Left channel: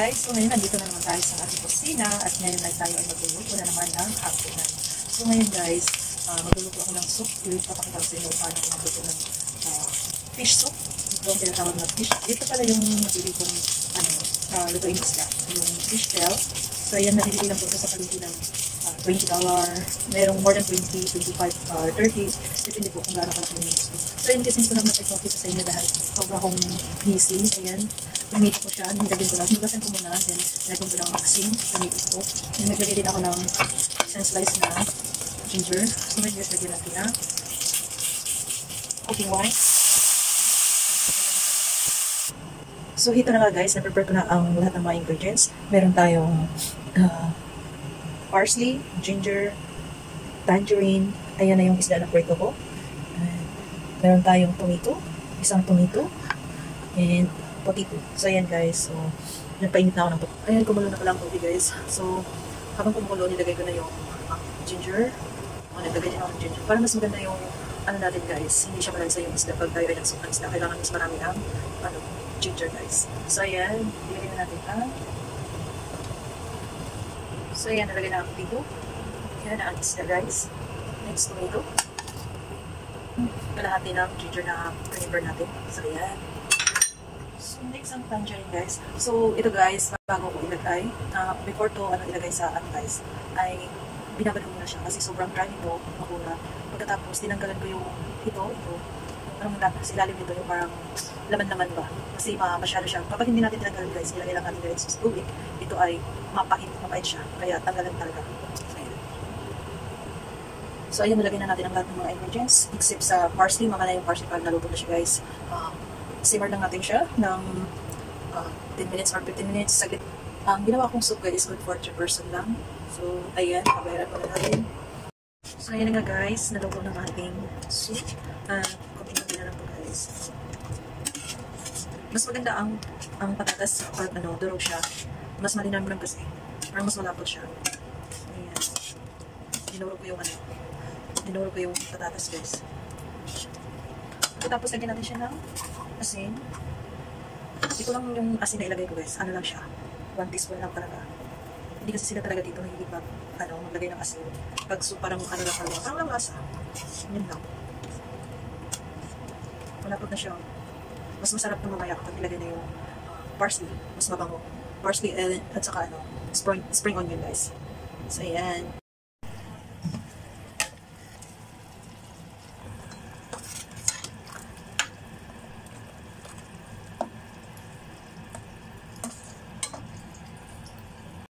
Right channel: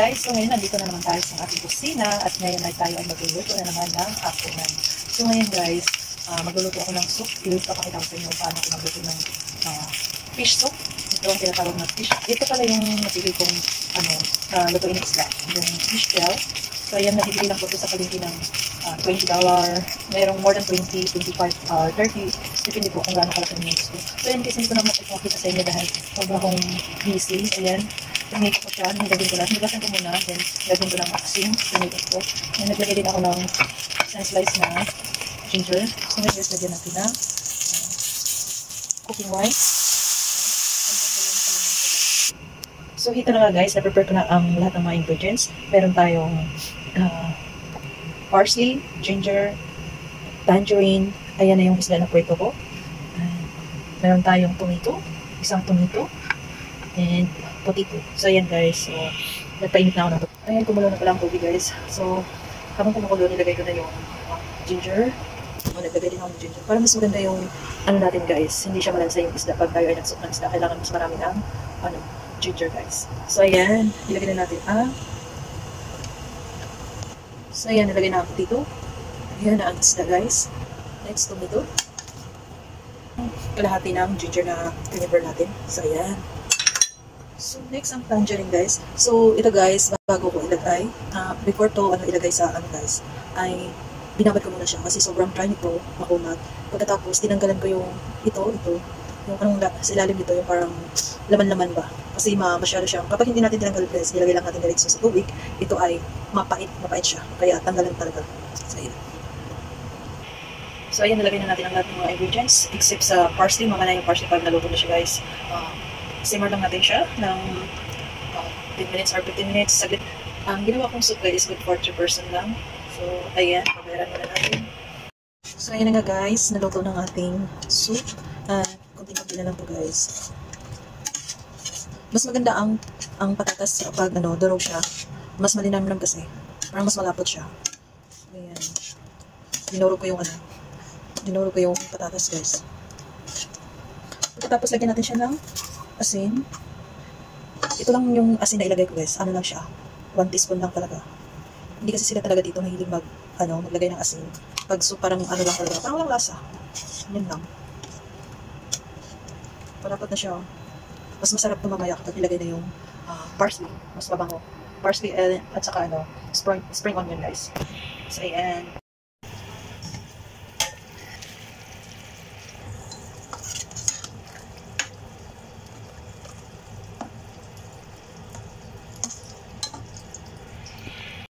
guys, so ngayon nandito na naman tayo sa ating kusina at ngayon ay tayo ay magluluto na naman ng hapunan. So ngayon guys, magluluto ako ng soup. Ipapakita ko sa inyo paano ako magluto ng fish soup. Ito ang tinatawag na fish. Ito pala yung napili kong lutuin isla, yung fish shell. So ayan, nabibili lang po ito sa palengke ng $20. Merong more than 20, 25, 30. Depende po kung gaano kalaki yung gusto. So ayan, kasi hindi ko naman ipapakita sa inyo dahil sobrang akong busy. Ayan. Pinito ko siya, nilagyan ko lang. Nilasan ko muna, then nilagyan ko ng asin. Pinito ko. Then naglagay din ako ng isang slice na ginger. So ngayon guys, lagyan natin na cooking wine. So ito na nga guys, na-prepare ko na ang lahat ng mga ingredients. Meron tayong parsley, ginger, tangerine. Ayan na yung isda na prito ko. Meron tayong tomato, isang tomato, and potato. So ayan guys, so nagpainit na ako ng tubig. Ayan, kumulo na pala ang tubig guys. So habang kumukulo, nilagay ko na yung ginger. Nagdagay din ako ng ginger. Para mas maganda yung natin guys, hindi siya malansa yung isda. Pag tayo ay nagsok ng isda, kailangan mas marami ng ginger guys. So ayan, nilagay na natin so ayan, nilagay na ang potato. Ayan na ang isda guys. Next, tomato. Kalahati ng ginger na flavor natin. So ayan. So, next ang tangerine guys. So, ito guys, bago ko ilagay, before to ilagay sa guys, ay binabad ko muna siya kasi sobrang dry nito, makunat. Pagkatapos, tinanggalan ko yung ito, yung sa ilalim nito, yung parang laman-laman ba. Kasi masyado siya. Kapag hindi natin tinanggal guys, nilagay lang natin diretso sa tubig, ito ay mapait siya. Kaya tanggalan talaga. So, ayan. So, ayan, nilagay na natin ang lahat ng mga ingredients, except sa parsley. Mamaya yung parsley pag naluto na siya guys. Simmer lang natin siya ng 10 minutes or 15 minutes. Saglit. Ang ginawa kong soup guys is good for 3 person lang. So, ayan, pamayaran muna natin. So, ayan na nga guys, naluto ng ating soup. Kunti-kunti na lang po guys. Mas maganda ang patatas kapag durog siya. Mas malinamnam kasi. Parang mas malapot siya. Ayan. Dinuro ko yung patatas guys. Tapos lagyan natin siya ng asin. Ito lang yung asin na ilagay ko guys. Ano lang siya. 1 teaspoon lang talaga. Hindi kasi sila talaga dito mahilig maglagay ng asin. Pag soup parang lang talaga. Parang walang lasa. Yan lang. Malapot na siya. Mas masarap na mamaya kapag ilagay na yung parsley. Mas mabango. Parsley at saka spring onion guys. So ayan.